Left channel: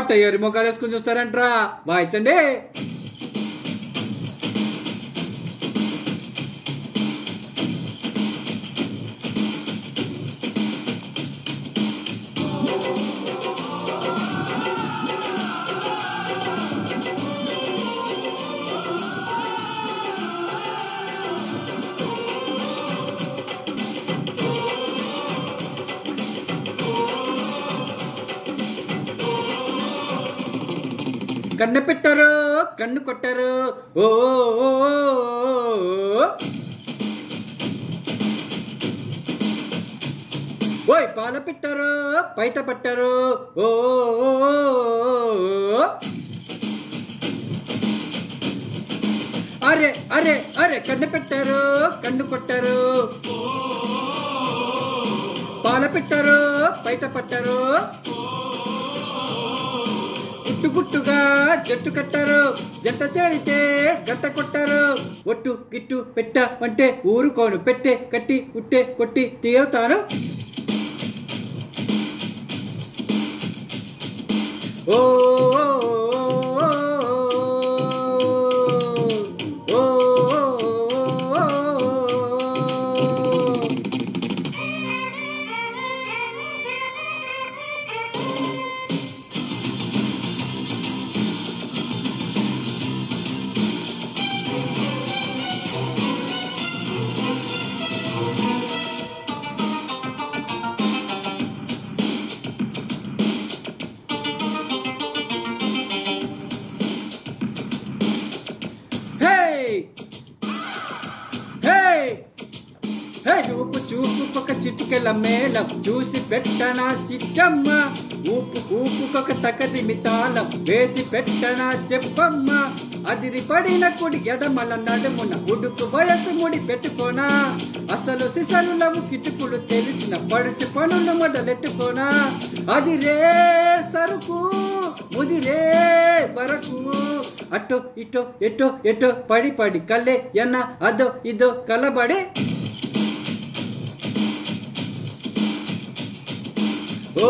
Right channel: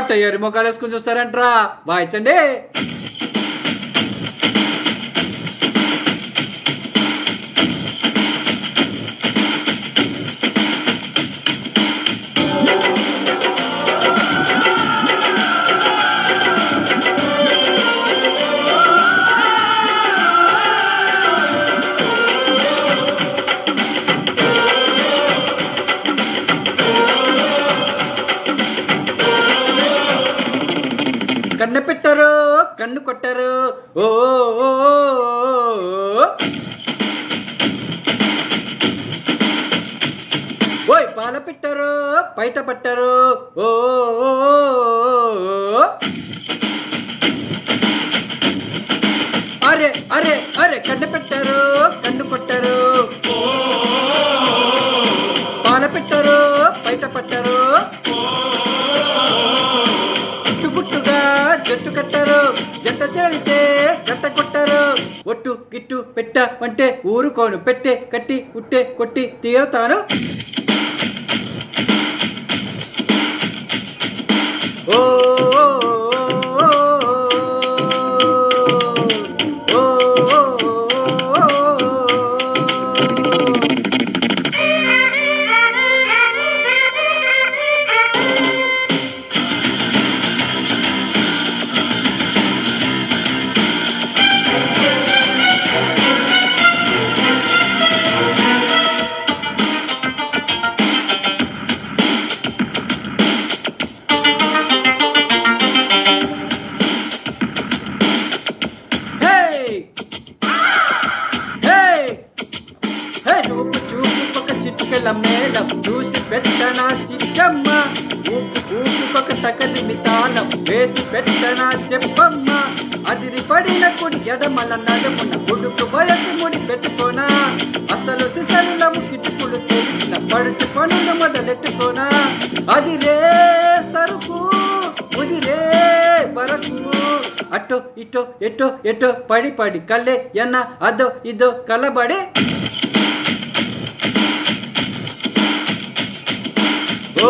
అట్ట ఎరి మొక్కలు వేసుకుని చూస్తారంట్రా వాయించండి. కన్ను పెట్టరు కన్ను కొట్టరు ఓ ఓయ్ పాల పెట్టరు బయట పట్టరు ఓ అరే అరే అరే కన్ను పెట్టరు కన్ను కొట్టరు పాల పెట్టరు బయట పట్టరు గుట్టుగా జట్టు కట్టారు జంట చేరితే గట్ట కొట్టారు ఒట్టు గిట్టు పెట్ట అంటే ఊరుకోను పెట్టే కట్టి ఉట్టే కొట్టి తీరతాను. ఓ చూపు చూపు ఒక చిటికల మేళం చూసి పెట్టనా చిక్కమ్మ ఊపు ఊపుకొక తకది మితాళం వేసి పెట్టనా చెప్పమ్మ అదిరి పడిన కుడి ఎడమల నడుమున ఉడుకు వయసు ముడి పెట్టుకోనా అసలు సిసలులము కిటుకులు తెలిసిన పడుచు పనులు మొదలెట్టుకోనా అదిరే సరుకు ముదిరే వరకు అటో ఇటో ఎటో ఎటో పడి పడి కల్లే ఎన్న అదో ఇదో కలబడి ఓ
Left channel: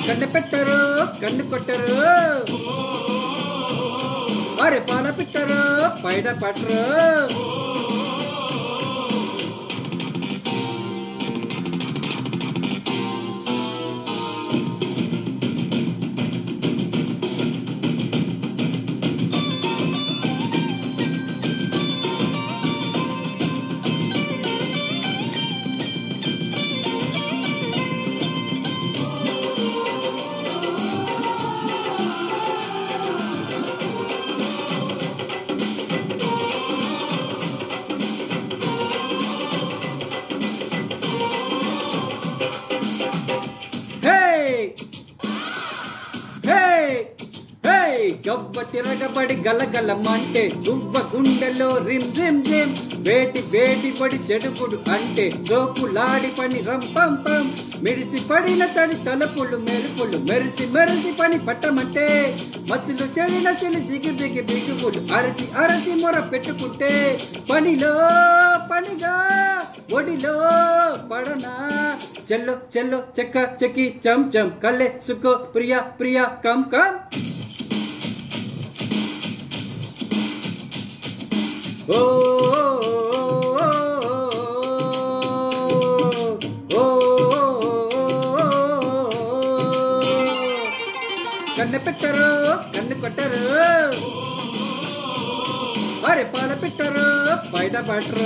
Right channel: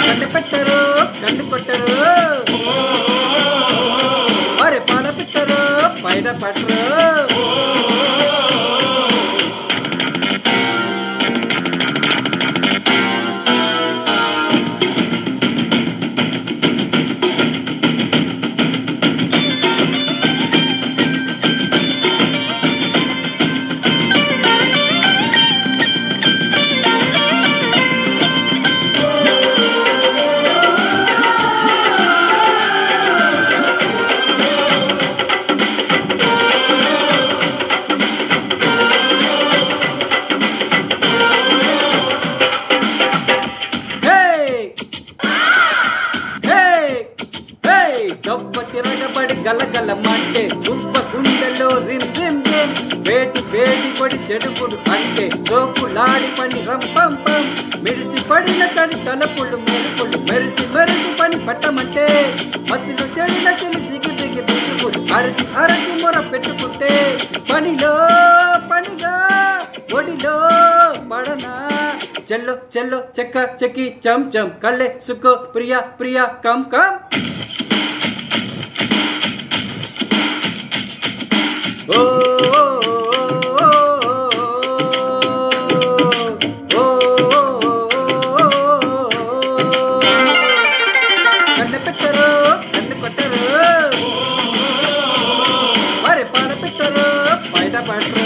కన్ను పెట్టరు కన్ను కొట్టరు అరే పాల పెట్టరు పైన పట్టరు గవ్వ తిరగబడి గలగలమంటే గువ్వ గుండెలో రిమ్ రిమ్ రిమ్ వేటి వేటి పడి చెడుపుడు అంటే జోకులాడి పని రంపంపం మెరిసి పడిన తని తలపుడు మెరుపులు మెరిసి మెరిసి పని పట్టమంటే మధ్యలో చెడిన చెడు దిగి దిగి బిగుపుడు అరచి అరచి మొర పెట్టుకుంటే పనిలో పనిగా ఒడిలో పడనా చెల్లో చెల్లో చెక్క చెక్కి చం చం కల్లే సుక్కో ప్రియా ప్రియా కం కం ఓ కన్ను పెట్టరు కన్ను కొట్టరు వారి పాల పెట్టరు బయట పట్టరు